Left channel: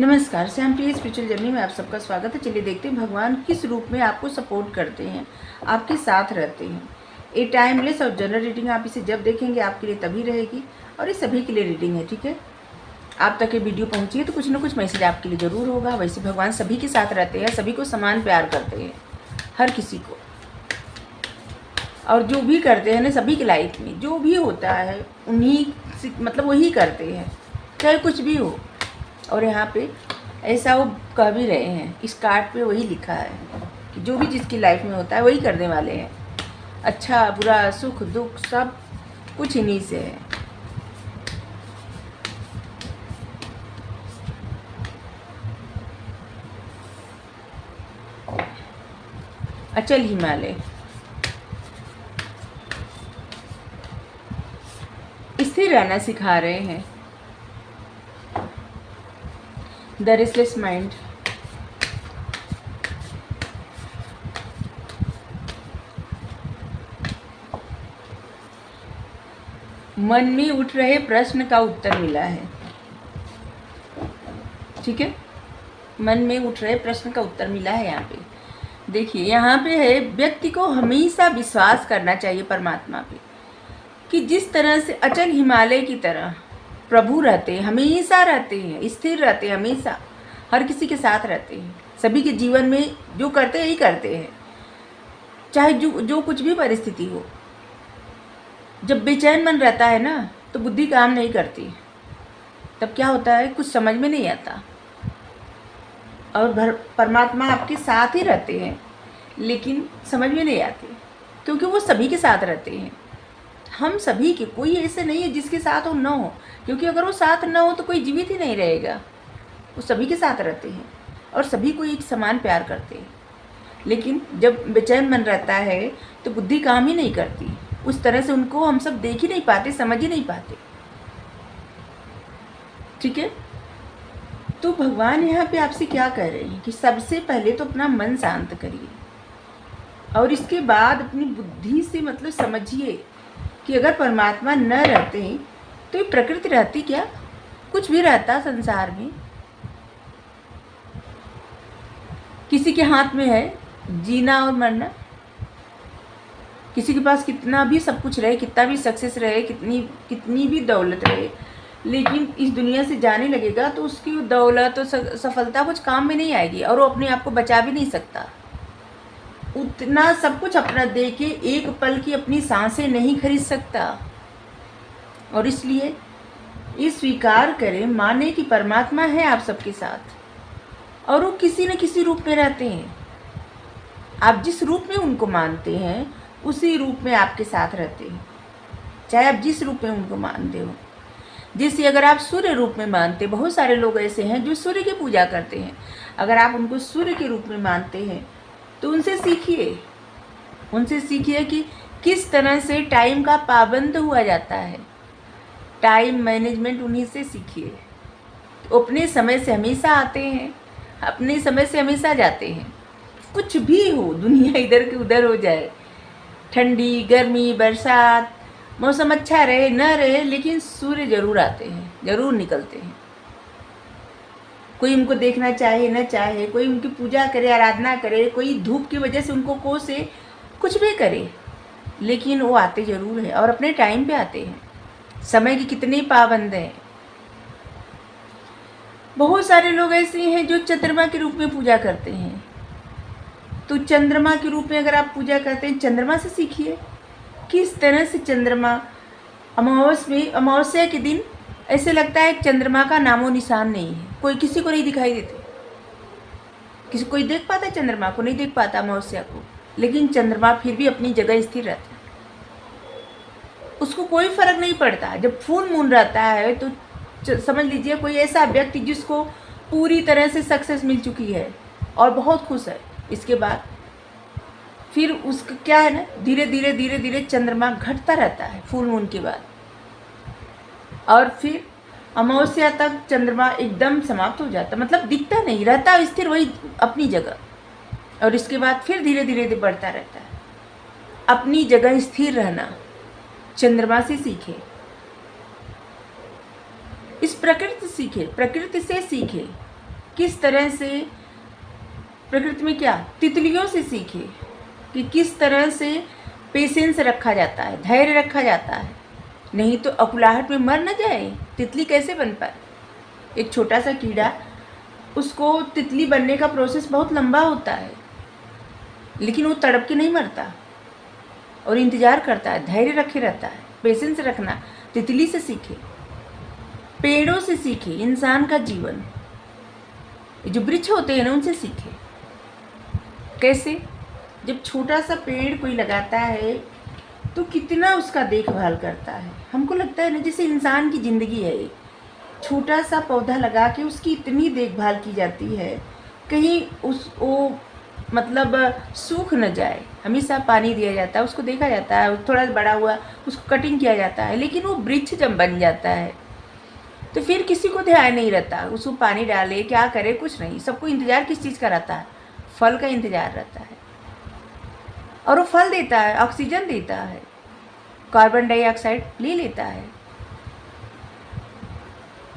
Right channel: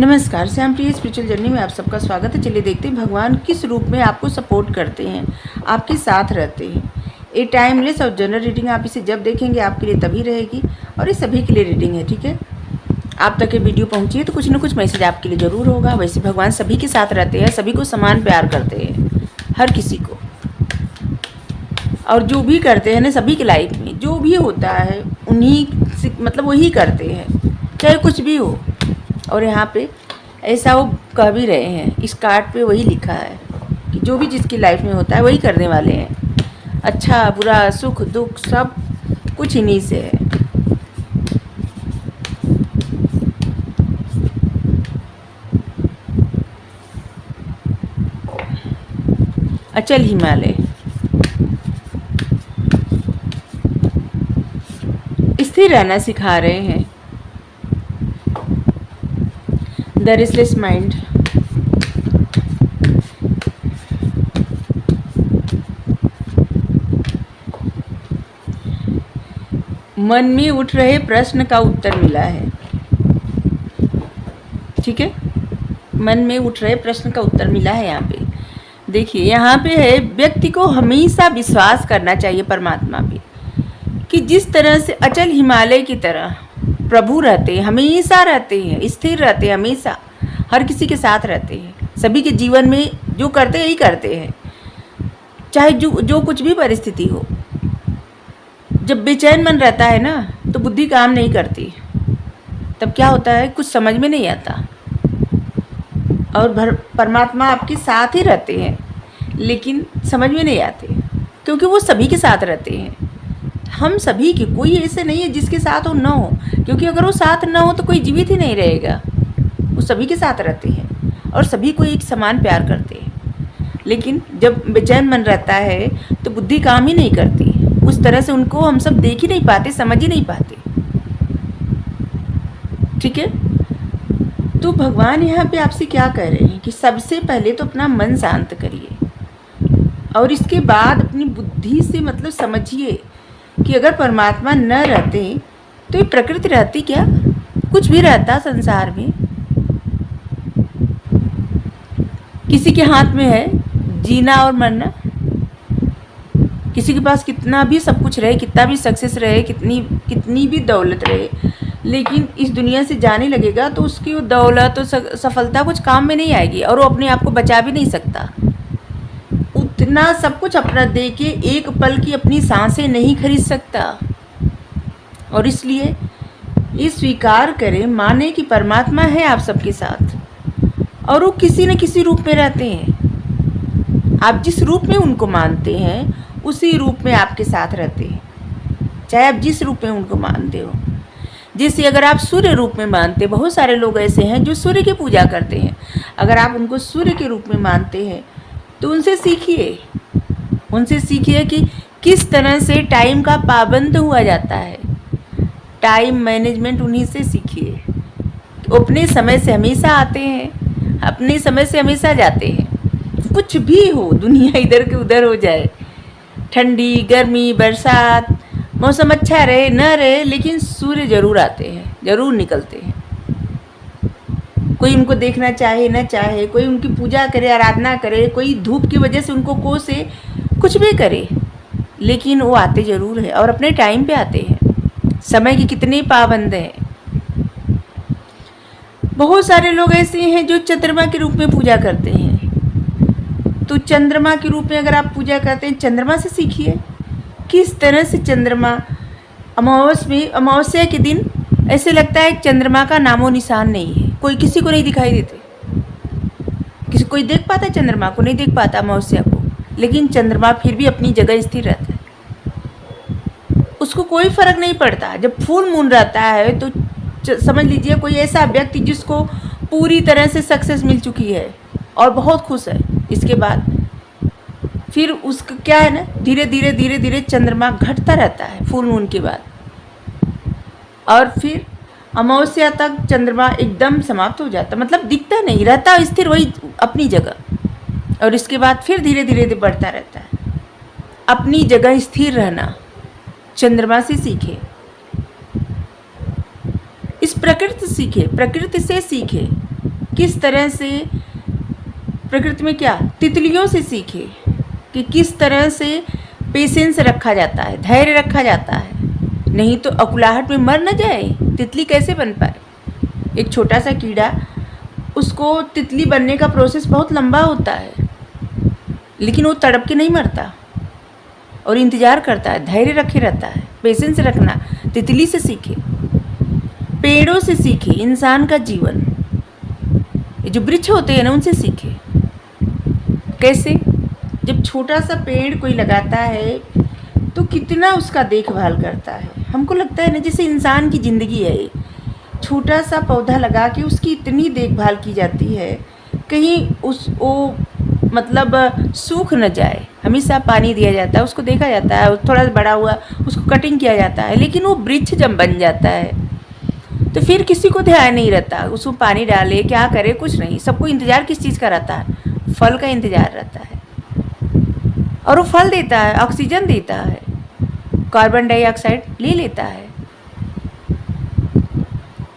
नमस्कार, श्याम प्रिय spiritual journey में आप सबका स्वागत है। चलिए देखते हैं भगवान किस रूप में आपको सपोर्ट करते हैं, आपके साथ रहते हैं। ये टाइमलेस और जनरल रीडिंग आप इसे जब देखेंगे आपके लिए तभी रहेगी और ये सभी के लिए रीडिंग है, ठीक है। आप तक ये वीडियो पहुंची है तो कुछ ना कुछ मैसेज आपके लिए ज़रूर होगा। वैसे भगवान सभी के साथ रहते हैं, सभी को समान प्यार करते हैं, हर किसी को। और जो भी करते हैं ना सभी की लाइफ में जो भी होता है उन्हीं से मतलब वही करते हैं, चाहे कुछ भी हो। और यहाँ पे ऐसा वो कह भी रहे हैं, इस कार्ड पे वही लिखा है कि जो भी जिसकी लाइफ में होता है वही करने वाले हैं। अच्छा बुरा सुख दुख सब कुछ इन्हीं से है। अचल हिमालय, स्थिर रहना सिखा रहे हैं। द रेस्टलेस माइंड, मन में उठ रहे प्रश्न का उत्तर मिला है, ठीक है। मन में उठ रहे प्रश्न का उत्तर मिला है। यहाँ पे देखिए, यहाँ पे है व्यक्ति को हमेशा विश्वास करना चाहिए परमात्मा पे, कि जिस तरह से अचल हिमालय की तरह प्रभु रहते हैं, हमेशा रहते हैं, स्थिर रहते हैं, हमेशा हर किसी के साथ रहते हैं। सभी के जीवन में जो करते हैं यही करते हैं, चाहे जो कुछ भी परिस्थिति हो। जब बेचैन मन रहता है ना तो बुद्धि काम नहीं करती, तब क्या होता है कुछ समझ में नहीं आता। और परमात्मा आपके साथ ही रहते हैं लेकिन समझ में नहीं आते, क्योंकि वो सभी के साथ रहते हैं। हम सभी के, कोई ऐसे नहीं है जिसके साथ वो ना हो, क्योंकि अगर वो साथ ना हो तो कोई जीवित ही नहीं रहेगा। वो सभी के साथ रहते हैं और सभी को एक समान प्यार करते हैं। लेकिन जब बेचैन मन रहता है तो बुद्धि काम ही नहीं करती, उस तरह से उनको हम सब देख ही नहीं पाते, समझ ही नहीं पाते, ठीक है। तो भगवान यहाँ पे आपसे क्या कह रहे हैं कि सबसे पहले तो अपना मन शांत करिए और इसके बाद अपनी बुद्धि से मतलब समझिए कि अगर परमात्मा न रहते तो ये प्रकृति रहती क्या, कुछ भी रहता संसार में। किसी के हाथ में है जीना और मरना, किसी के पास कितना भी सब कुछ रहे, कितना भी सक्सेस रहे, कितनी भी दौलत रहे, लेकिन इस दुनिया से जाने लगेगा तो उसकी वो दौलत और सफलता कुछ काम में नहीं आएगी और वो अपने आप को बचा भी नहीं सकता। उतना सब कुछ अपना दे के एक पल की अपनी सांसें नहीं खरीद सकता। और इसलिए ये स्वीकार करें, माने कि परमात्मा है आप सबके साथ और वो किसी न किसी रूप में रहते हैं। आप जिस रूप में उनको मानते हैं उसी रूप में आपके साथ रहते हैं, चाहे आप जिस रूप में उनको मानते हो। जैसे अगर आप सूर्य रूप में मानते, बहुत सारे लोग ऐसे हैं जो सूर्य की पूजा करते हैं। अगर आप उनको सूर्य के रूप में मानते हैं तो उनसे सीखिए कि किस तरह से टाइम का पाबंद हुआ जाता है। टाइम मैनेजमेंट उन्हीं से सीखिए। अपने समय से हमेशा आते हैं, अपने समय से हमेशा जाते हैं। कुछ भी हो, दुनिया इधर के उधर हो जाए, ठंडी गर्मी बरसात, मौसम अच्छा रहे न रहे, लेकिन सूर्य जरूर आते हैं, जरूर निकलते हैं। कोई उनको देखना चाहे न चाहे, कोई उनकी पूजा करे आराधना करे, कोई धूप की वजह से उनको कोसे, कुछ भी करे, लेकिन वो आते जरूर है और अपने टाइम पे आते हैं। समय की कितनी पाबंद है। बहुत सारे लोग ऐसे हैं जो चंद्रमा के रूप में पूजा करते हैं। तो चंद्रमा के रूप में अगर आप पूजा करते हैं, चंद्रमा से सीखिए किस तरह से चंद्रमा अमावस्या के दिन ऐसे लगता है चंद्रमा का नामो निशान नहीं है, कोई किसी को नहीं दिखाई देते। कोई देख पाता है चंद्रमा को, नहीं देख पाता अमावस्या को, लेकिन चंद्रमा फिर भी अपनी जगह स्थिर रहता है, उसको कोई फर्क नहीं पड़ता। जब फुल मून रहता है तो समझ लीजिए कोई ऐसा व्यक्ति जिसको पूरी तरह से सक्सेस मिल चुकी है और बहुत खुश है, इसके बाद फिर उसका क्या है ना, धीरे धीरे चंद्रमा घटता रहता है फुल मून के बाद, और फिर अमावस्या तक चंद्रमा एकदम समाप्त हो जाता, मतलब दिखता नहीं रहता, स्थिर वही अपनी जगह। और इसके बाद फिर धीरे धीरे बढ़ता रहता है। अपनी जगह स्थिर रहना चंद्रमा से सीखे, इस प्रकृति से सीखे। किस तरह से प्रकृति में क्या तितलियों से सीखे कि किस तरह से पेशेंस रखा जाता है, धैर्य रखा जाता है, नहीं तो अकुलाहट में मर न जाए। तितली कैसे बन पाए? एक छोटा सा कीड़ा, उसको तितली बनने का प्रोसेस बहुत लंबा होता है, लेकिन वो तड़प के नहीं मरता और इंतज़ार करता है, धैर्य रखे रहता है। पेशेंस रखना तितली से सीखे, पेड़ों से सीखे, इंसान का जीवन, ये जो वृक्ष होते हैं ना उनसे सीखे। कैसे? जब छोटा सा पेड़ कोई लगाता है तो कितना उसका देखभाल करता है। हमको लगता है ना जैसे इंसान की ज़िंदगी है, छोटा सा पौधा लगा के उसकी इतनी देखभाल की जाती है, कहीं वो मतलब सूख न जाए, हमेशा पानी दिया जाता है, उसको देखा जाता है, थोड़ा बड़ा हुआ उसको कटिंग किया जाता है। लेकिन वो वृक्ष जब बन जाता है तो फिर किसी को ध्यान नहीं रहता, उसको पानी डाले, क्या करे, कुछ नहीं। सबको इंतज़ार किस चीज़ का रहता है? फल का इंतज़ार रहता है। और वो फल देता है, ऑक्सीजन देता है, कार्बन डाइऑक्साइड ले लेता है।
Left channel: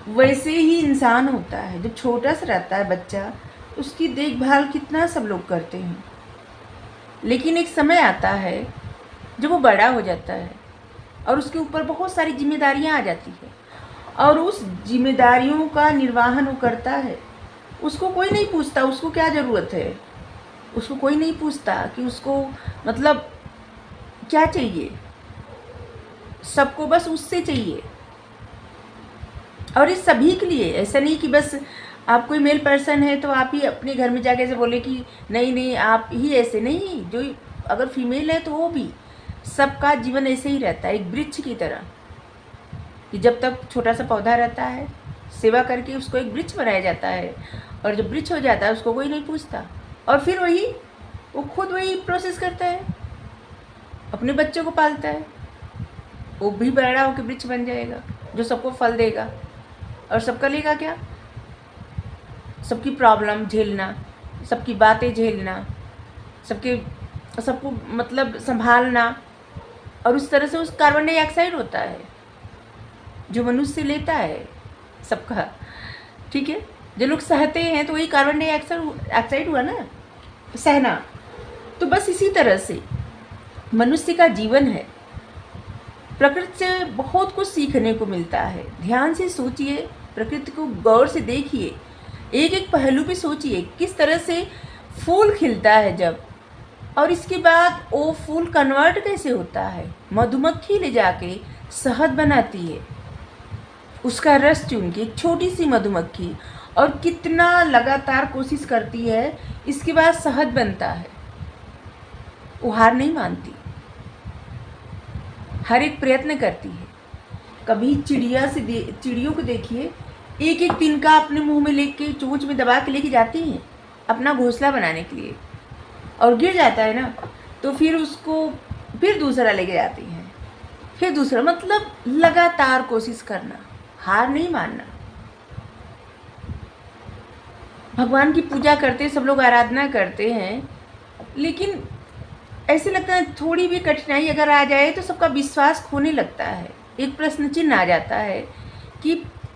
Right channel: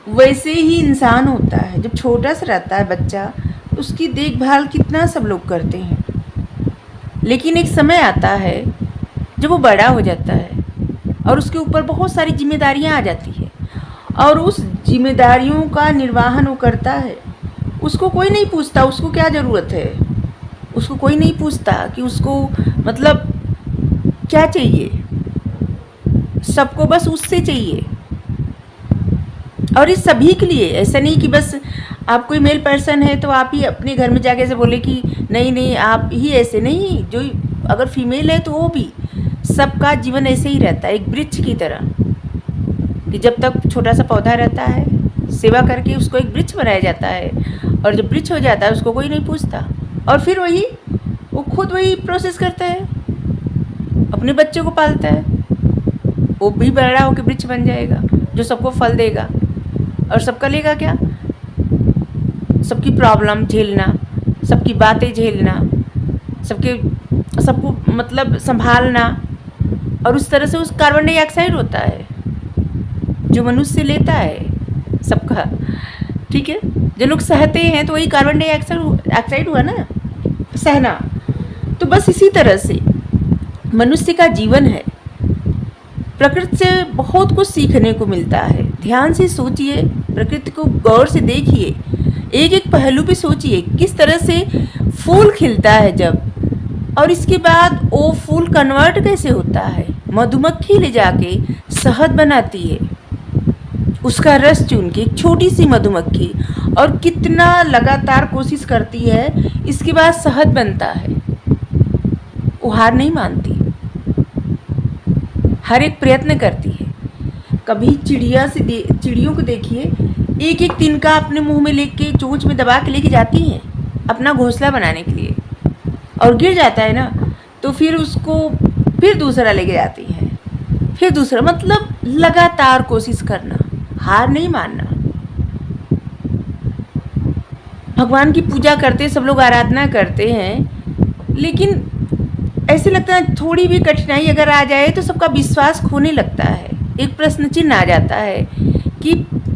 वैसे ही इंसान होता है, जब छोटा सा रहता है बच्चा, उसकी देखभाल कितना सब लोग करते हैं। लेकिन एक समय आता है जब वो बड़ा हो जाता है और उसके ऊपर बहुत सारी जिम्मेदारियां आ जाती है और उस जिम्मेदारियों का निर्वहन वो करता है। उसको कोई नहीं पूछता उसको क्या ज़रूरत है, उसको कोई नहीं पूछता कि उसको मतलब क्या चाहिए, सबको बस उससे चाहिए। और इस सभी के लिए, ऐसा नहीं कि बस आप कोई मेल पर्सन है तो आप ही अपने घर में जाके से बोले कि नहीं नहीं आप ही ऐसे नहीं, जो अगर फीमेल है तो वो भी, सबका जीवन ऐसे ही रहता है, एक वृक्ष की तरह कि जब तक छोटा सा पौधा रहता है, सेवा करके उसको एक वृक्ष बनाया जाता है, और जब वृक्ष हो जाता है उसको कोई नहीं पूछता। और फिर वो खुद वही प्रोसेस करता है, अपने बच्चों को पालता है, वो भी बड़ा होकर वृक्ष बन जाएगा जो सबको फल देगा और सबका लेगा क्या, सबकी प्रॉब्लम झेलना, सबकी बातें झेलना, सबको मतलब संभालना। और उस तरह से उस कार्बन डाइऑक्साइड होता है जो मनुष्य लेता है सबका, ठीक है। जो लोग सहते हैं तो वही कार्बन डाइऑक्साइड हुआ ना, सहना। तो बस इसी तरह से मनुष्य का जीवन है। प्रकृति से बहुत कुछ सीखने को मिलता है। ध्यान से सोचिए, प्रकृति को गौर से देखिए, एक एक पहलू भी सोचिए, किस तरह से फूल खिलता है जब, और इसके बाद वो फूल कन्वर्ट कैसे होता है, मधुमक्खी ले जाके शहद बनाती है, उसका रस चुन के, एक छोटी सी मधुमक्खी, और कितना लगातार कोशिश करती है, इसके बाद शहद बनता है। वो हार नहीं मानती, हर एक प्रयत्न करती है। कभी चिड़ियों को देखिए, एक एक तिनका अपने मुंह में लेके चोंच में दबा के लेके जाती हैं अपना घोंसला बनाने के लिए, और गिर जाता है ना तो फिर उसको फिर दूसरा लेके जाती है, फिर दूसरा, मतलब लगातार कोशिश करना, हार नहीं मानना। भगवान की पूजा करते, सब लोग आराधना करते हैं, लेकिन ऐसे लगता है थोड़ी भी कठिनाई अगर आ जाए तो सबका विश्वास खोने लगता है, एक प्रश्न चिन्ह आ जाता है कि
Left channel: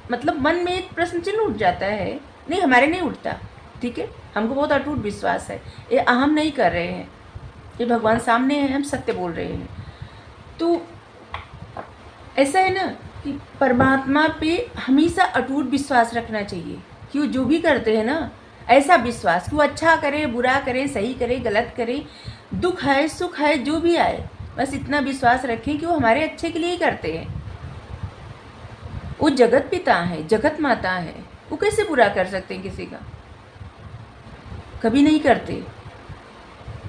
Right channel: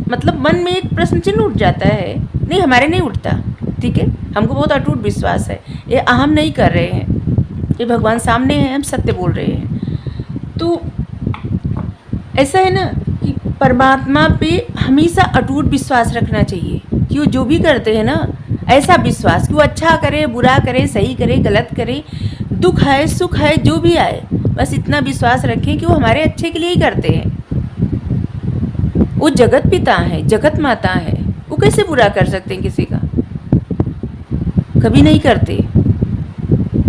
मतलब मन में एक प्रश्न चिन्ह उठ जाता है। नहीं, हमारे नहीं उठता, ठीक है, हमको बहुत अटूट विश्वास है, ये अहम नहीं कर रहे हैं, ये भगवान सामने हैं, हम सत्य बोल रहे हैं। तो ऐसा है ना कि परमात्मा पे हमेशा अटूट विश्वास रखना चाहिए कि वो जो भी करते हैं ना, ऐसा विश्वास कि वो अच्छा करे, बुरा करे, सही करे, गलत करे, दुख है, सुख है, जो भी आए, बस इतना विश्वास रखें कि वो हमारे अच्छे के लिए ही करते हैं। वो जगत पिता है, जगत माता है, वो कैसे बुरा कर सकते हैं किसी का? कभी नहीं करते।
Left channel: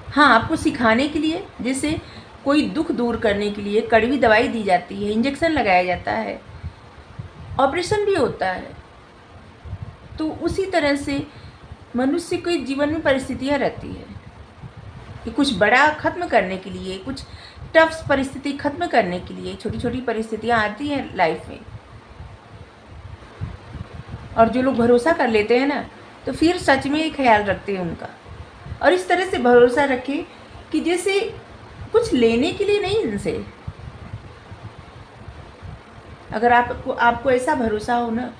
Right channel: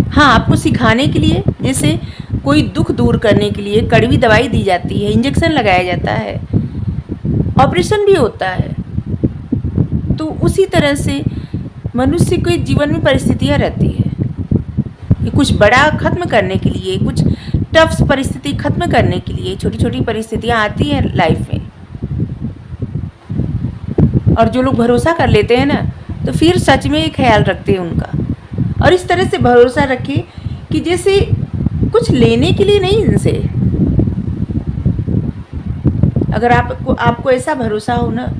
हाँ, आपको सिखाने के लिए, जैसे कोई दुख दूर करने के लिए कड़वी दवाई दी जाती है, इंजेक्शन लगाया जाता है, ऑपरेशन भी होता है, तो उसी तरह से मनुष्य के जीवन में परिस्थितियाँ रहती है कि कुछ बड़ा खत्म करने के लिए, कुछ टफ परिस्थिति खत्म करने के लिए छोटी छोटी परिस्थितियाँ आती हैं लाइफ में। और जो लोग भरोसा कर लेते हैं ना, तो फिर सच में ख्याल रखते हैं उनका। और इस तरह से भरोसा रखें कि जैसे कुछ लेने के लिए नहीं इनसे, अगर आपको ऐसा भरोसा हो ना,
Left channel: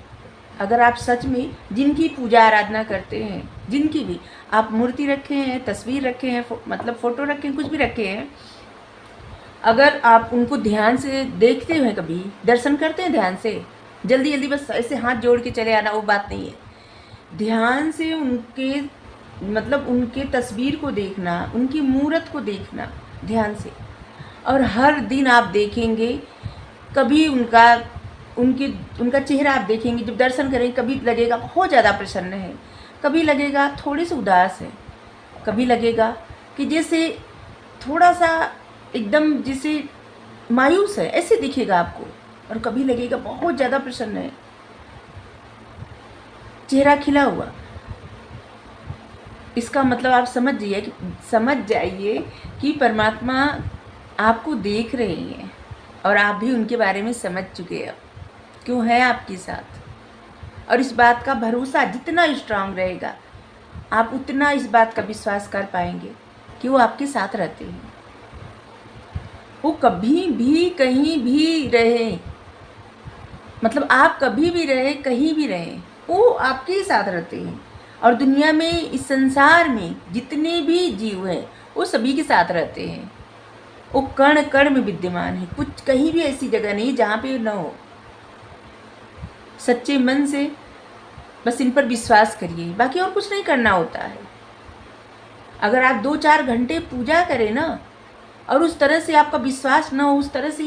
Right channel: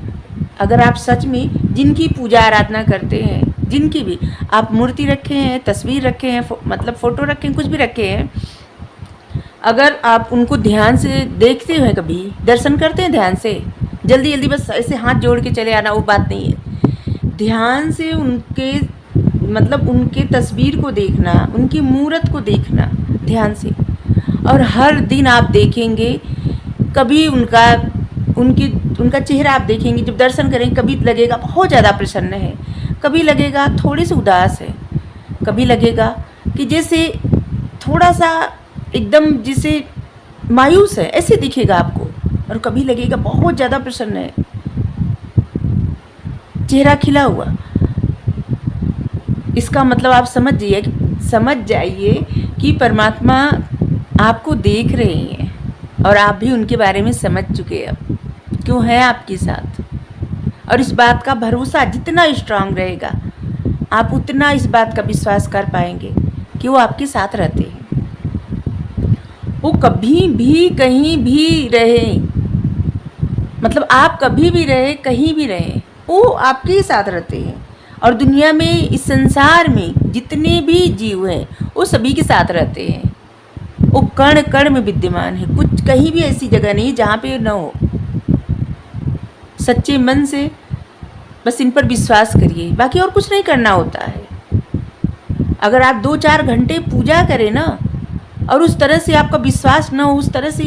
अगर आप सच में जिनकी पूजा आराधना करते हैं, जिनकी भी आप मूर्ति रखे हैं, तस्वीर रखे हैं, मतलब फ़ोटो रखे हैं, कुछ भी रखे हैं, अगर आप उनको ध्यान से देखते हैं, कभी दर्शन करते हैं ध्यान से, जल्दी जल्दी बस ऐसे हाथ जोड़ के चले आना, वो बात नहीं है। ध्यान से उनके मतलब उनके तस्वीर को देखना, उनकी मूर्त को देखना ध्यान से, और हर दिन आप देखेंगे, कभी उनका चेहरा आप देखेंगे, जब दर्शन करेंगे कभी लगेगा बहुत ज़्यादा प्रसन्न है, कभी लगेगा थोड़े से उदास है, कभी लगेगा कि जैसे थोड़ा सा एकदम जैसे मायूस है, ऐसे दिखेगा आपको, और कभी लगेगा बहुत ज़्यादा प्रसन्न है, चेहरा खिला हुआ। इसका मतलब आप समझ जाइए कि परमात्मा आपको देख रहे हैं, और आप भी उनके बारे में समझ चुके हैं क्यों है आपके साथ। और इस बात का भरोसा जितना स्ट्रांग रहेगा, आप उतना इस बात का विश्वास कर पाएंगे कि वो आपके साथ रहते हैं। वो कभी भी कहीं भी रहे, मतलब आप कभी भी रहे, कहीं भी रहे, वो आपके साथ रहते हैं। और दुनिया में, इस संसार में जितने भी जीव हैं वो सभी के साथ रहते हैं। वो कण कण में विद्यमान है, कुछ कहीं भी ऐसी जगह नहीं जहाँ पे न हो। सच्चे मन से बस इन पर विश्वास करिए, बाकी और कुछ नहीं करना होता है। अगर आप 2-4 घंटे पूजा करें ना, और उस तरह से आपका विश्वास न हो, उस तरह से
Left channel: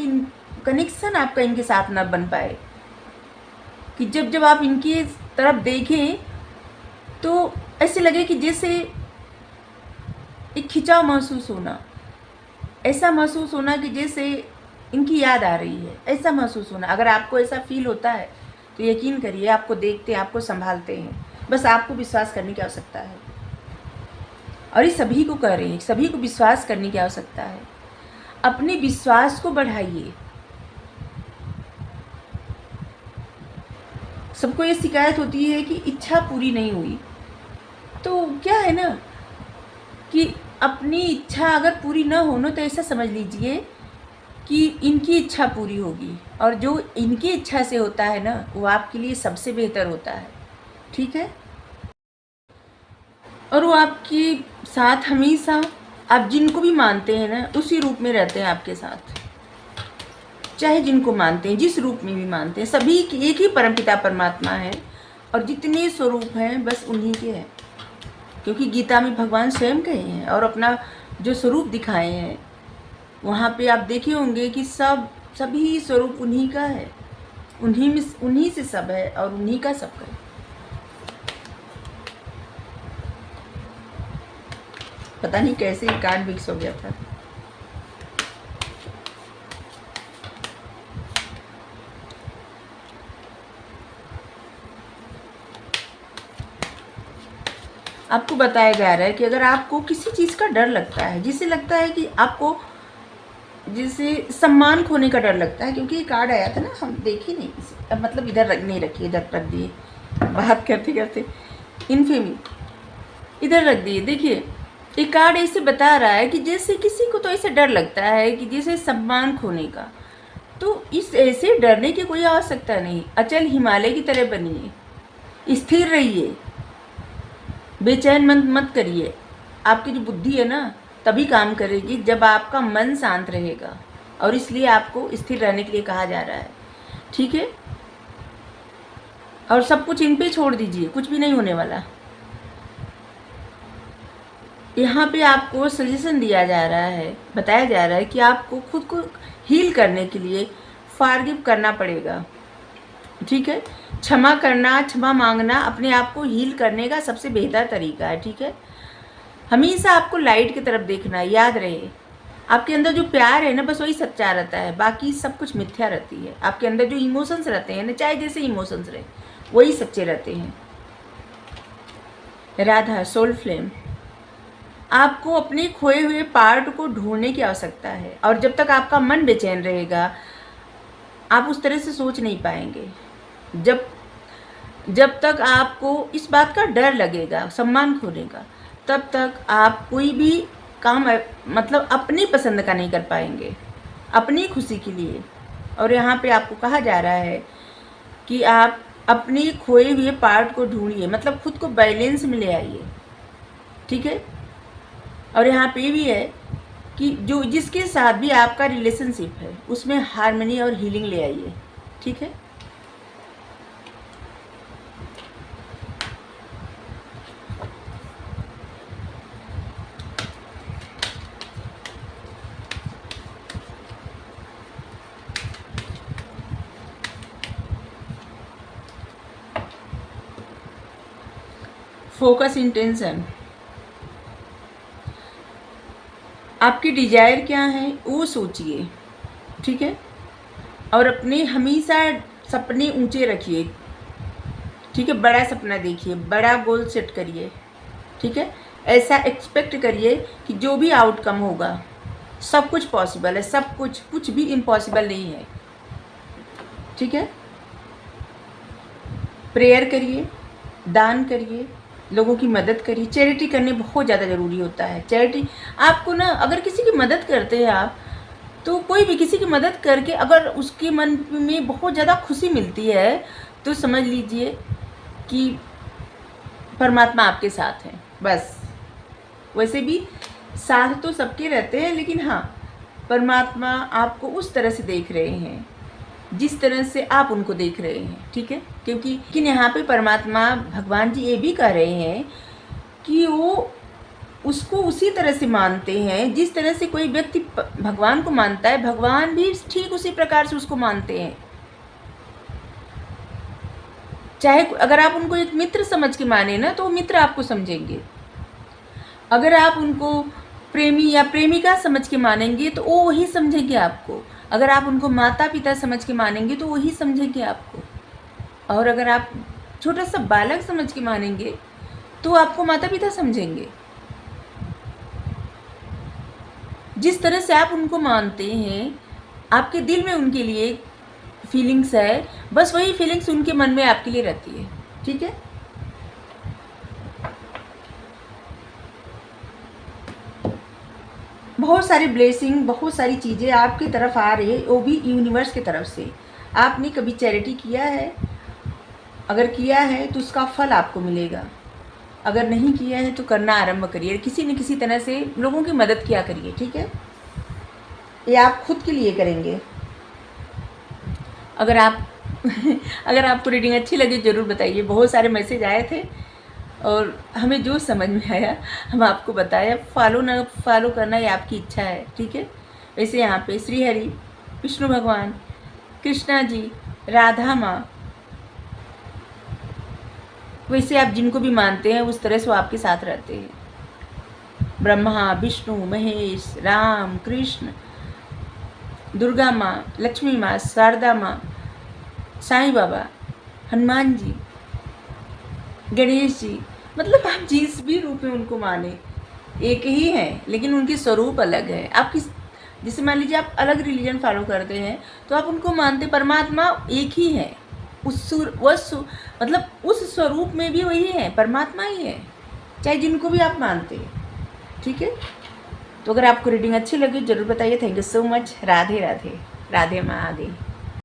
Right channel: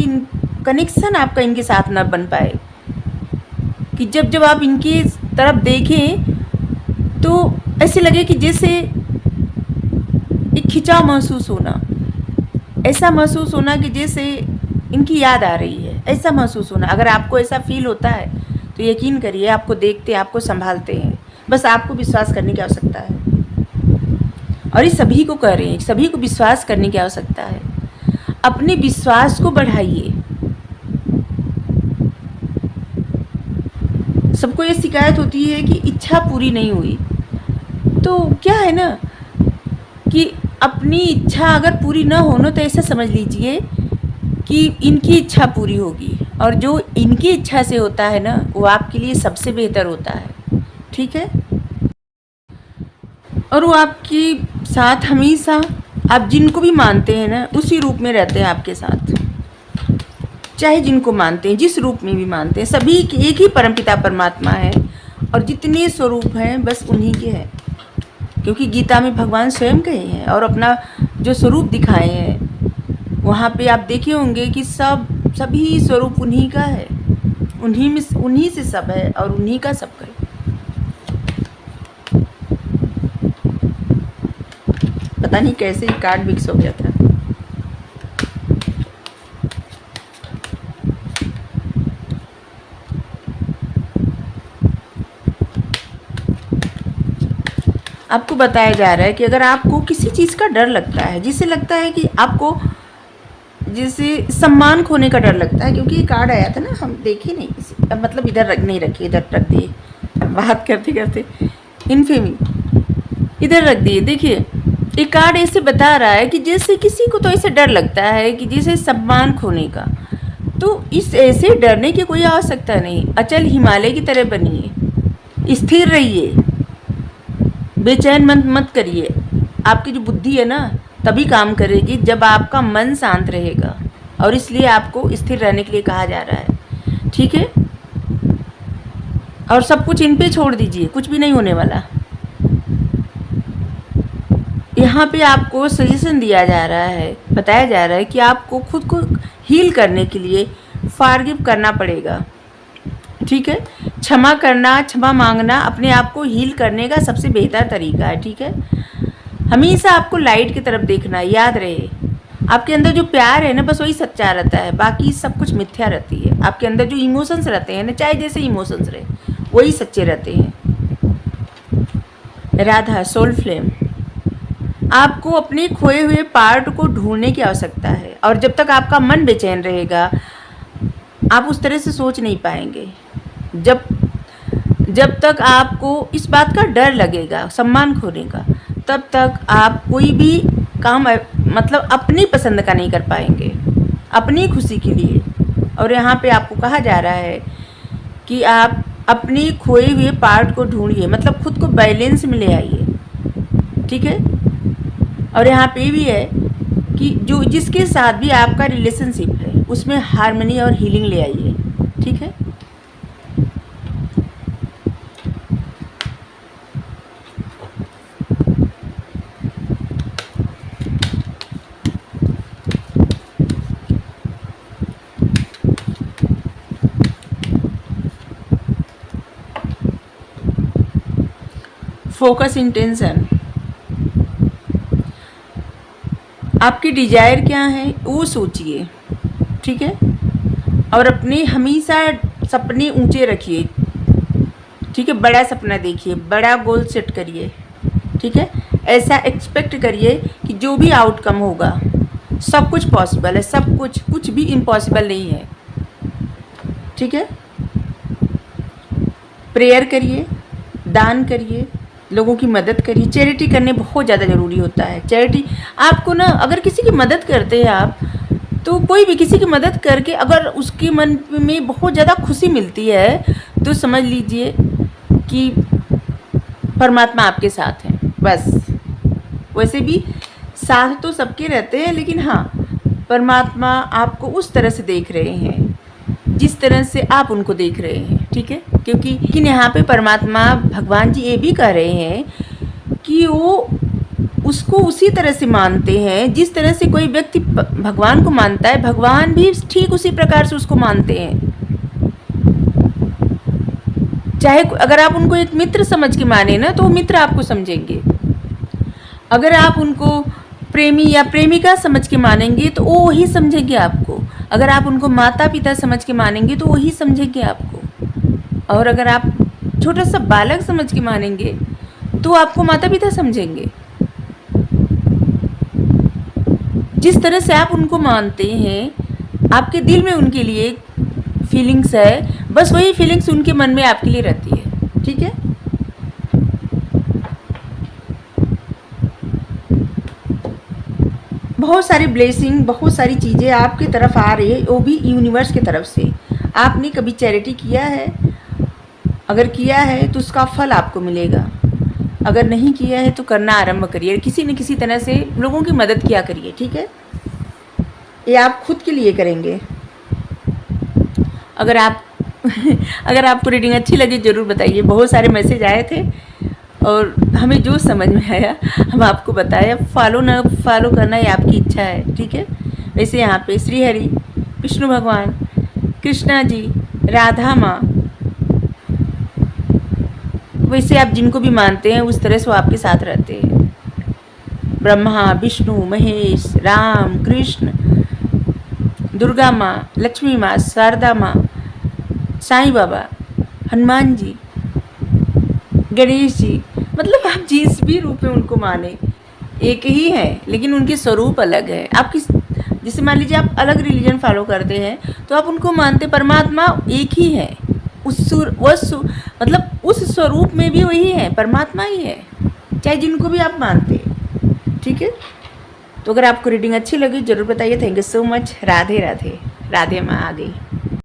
कनेक्शन आपका इनके साथ न बन पाए कि जब जब आप इनकी तरफ देखें तो ऐसे लगे कि जैसे एक खिंचाव महसूस होना, ऐसा महसूस होना कि जैसे इनकी याद आ रही है, ऐसा महसूस होना। अगर आपको ऐसा फील होता है तो यकीन करिए आपको देखते, आपको संभालते हैं। बस आपको विश्वास करने की आवश्यकता है, और ये सभी को कह रहे हैं, सभी को विश्वास करने की आवश्यकता है। अपने विश्वास को बढ़ाइए। सबको ये शिकायत होती है कि इच्छा पूरी नहीं हुई, तो क्या है ना कि अपनी इच्छा अगर पूरी ना हो ना, तो ऐसा समझ लीजिए कि इनकी इच्छा पूरी होगी, और जो इनकी इच्छा से होता है ना, वो आपके लिए सबसे बेहतर होता है। ठीक है, और वो आपके साथ हमेशा, आप जिनको भी मानते हैं ना, उसी रूप में रहते हैं आपके साथ। चाहे जिनको मानते हैं, जिस रूप में भी मानते हैं, सभी एक ही परमपिता परमात्मा है, और जितने स्वरूप हैं बस उन्हीं के हैं। क्योंकि गीता में भगवान स्वयं कहे हैं और अपना जो स्वरूप दिखाए हैं, वहाँ पे आप देखे होंगे कि सभी स्वरूप उन्हीं का है, उन्हीं से सब है, और उन्हीं का सब है। पता नहीं कैसे ही कार्ड मिक्स हो गया था। आपको बताया जा रहा है कि अगर आपको किसी चीज़ का डर लगता है, जिससे लगता है कि आपको जैसे सम्मान खोने का डर लगता है, क्योंकि ये कार्ड आया था ना, हम देखे नहीं, मतलब इधर नहीं रखिए, इधर रख दिए, बात करते करते इनफेमी इधर रख दिए। देखिए, ये कार्ड ऐसे बता रहा है कि जैसे किसी को तो ऐसे डर लगता है कि जैसे सम्मान खोने का, तो इस ऐसे डरने की कोई आवश्यकता नहीं। अचल हिमालय की तरह बनिए, स्थिर रहिए, बेचैन मत करिए। आपकी जो बुद्धि है ना, तभी काम करेगी जब आपका मन शांत रहेगा, और इसलिए आपको स्थिर रहने के लिए कहा जा रहा है। ठीक है, और सब कुछ इन पे छोड़ दीजिए, कुछ भी नहीं होने वाला। यहाँ पे आपको सजेशन दिया जा रहा है, बताया जा रहा है कि आपको खुद को हील करने के लिए फॉरगिव करना पड़ेगा। ठीक है, क्षमा करना, क्षमा मांगना अपने आप को हील करने का सबसे बेहतर तरीका है। ठीक है, हमेशा आपको लाइट की तरफ देखना, याद रहे आपके अंदर जो प्यार है ना, बस वही सच्चा रहता है, बाकी सब कुछ मिथ्या रहती है। आपके अंदर जो इमोशंस रहते हैं ना, चाहे जैसे इमोशंस रहे, वही सच्चे रहते हैं। राधा सोल फ्लेम, आपको अपने खोए हुए पार्ट को ढूंढने की आवश्यकता है, और जब तक आपका मन बेचैन रहेगा, आप उस तरह से सोच नहीं पाएंगे। जब तक आपको इस बात का डर लगेगा सम्मान खोने का, तब तक आप कोई भी काम मतलब अपनी पसंद का नहीं कर पाएंगे, अपनी खुशी के लिए। और यहाँ पे आपको कहा जा रहा है कि आप अपने खोए हुए पार्ट को ढूंढिए, मतलब खुद को बैलेंस में ले आइए, ठीक है। और यहाँ पे भी है कि जो जिसके साथ भी आपका रिलेशनशिप है उसमें हार्मनी और हीलिंग ले आइए, ठीक है। फोकस इंटेंशन, आपकी डिजायर क्या है वो सोचिए, ठीक है। और अपने हमेशा सपने ऊंचे रखिए, ठीक है। बड़ा सपना देखिए, बड़ा गोल सेट करिए, ठीक है। ऐसा एक्सपेक्ट करिए कि जो भी आउटकम होगा सब कुछ पॉसिबल है, सब कुछ, कुछ भी इम्पॉसिबल नहीं है, ठीक है। प्रेयर करिए, दान करिए, लोगों की मदद करिए। चैरिटी करने बहुत ज़्यादा ज़रूरी होता है। चैरिटी आपको ना, अगर किसी की मदद करते हैं आप, तो कोई भी किसी की मदद करके अगर उसके मन में बहुत ज़्यादा खुशी मिलती है तो समझ लीजिए कि परमात्मा आपके साथ हैं, बस। वैसे भी साथ तो सबके रहते हैं, लेकिन हाँ, परमात्मा आपको उस तरह से देख रहे हैं जिस तरह से आप उनको देख रहे हैं, ठीक है। क्योंकि यहाँ पे परमात्मा भगवान जी ये भी कह रहे हैं कि वो उसको उसी तरह से मानते हैं जिस तरह से कोई व्यक्ति भगवान को मानता है, भगवान भी ठीक उसी प्रकार से उसको मानते हैं। चाहे अगर आप उनको एक मित्र समझ के माने ना, तो वो मित्र आपको समझेंगे। अगर आप उनको प्रेमी या प्रेमिका समझ के मानेंगे तो वो वही समझेंगे आपको। अगर आप उनको माता पिता समझ के मानेंगे तो वही समझेंगे आपको। और अगर आप छोटा सा बालक समझ के मानेंगे तो आपको माता पिता समझेंगे। जिस तरह से आप उनको मानते हैं, आपके दिल में उनके लिए फीलिंग्स है, बस वही फीलिंग्स उनके मन में आपके लिए रहती है, ठीक है। बहुत सारी ब्लेसिंग, बहुत सारी चीज़ें आपकी तरफ आ रही है, वो भी यूनिवर्स की तरफ से। आपने कभी चैरिटी किया है? अगर किया है तो उसका फल आपको मिलेगा। अगर नहीं किया है तो करना आरंभ करिए, किसी न किसी तरह से लोगों की मदद किया करिए, ठीक है। ये आप खुद के लिए करेंगे। अगर आप अगर आपको रीडिंग अच्छी लगी ज़रूर बताइए। बहुत सारे मैसेज आए थे और हमें जो समझ में आया हम आपको बताया। फॉलो ना फॉलो करना ये आपकी इच्छा है, ठीक है। वैसे यहाँ पे श्री हरि, विष्णु भगवान, कृष्णा जी, राधा माँ, वैसे आप जिनको भी मानते हैं उस तरह से वो आपके साथ रहते हैं। ब्रह्मा, विष्णु, महेश, राम, कृष्ण, दुर्गा माँ, लक्ष्मी माँ, शारदा माँ, साईं बाबा, हनुमान जी, गणेश जी, मतलब आप जिस भी रूप में उनको माने एक ही हैं, लेकिन उनके स्वरूप अलग है। आप किस, जैसे मान लीजिए आप अलग रिलीजन फॉलो करते हैं तो आप उनको मानते, परमात्मा एक ही है। मतलब उस स्वरूप में भी वही है, परमात्मा ही है, चाहे जिनको भी आप मानते हैं, ठीक है। तो अगर आपको रीडिंग अच्छी लगी ज़रूर बताइए। Thank you so much. Radhe Radhe. Radhe माँ आ गई।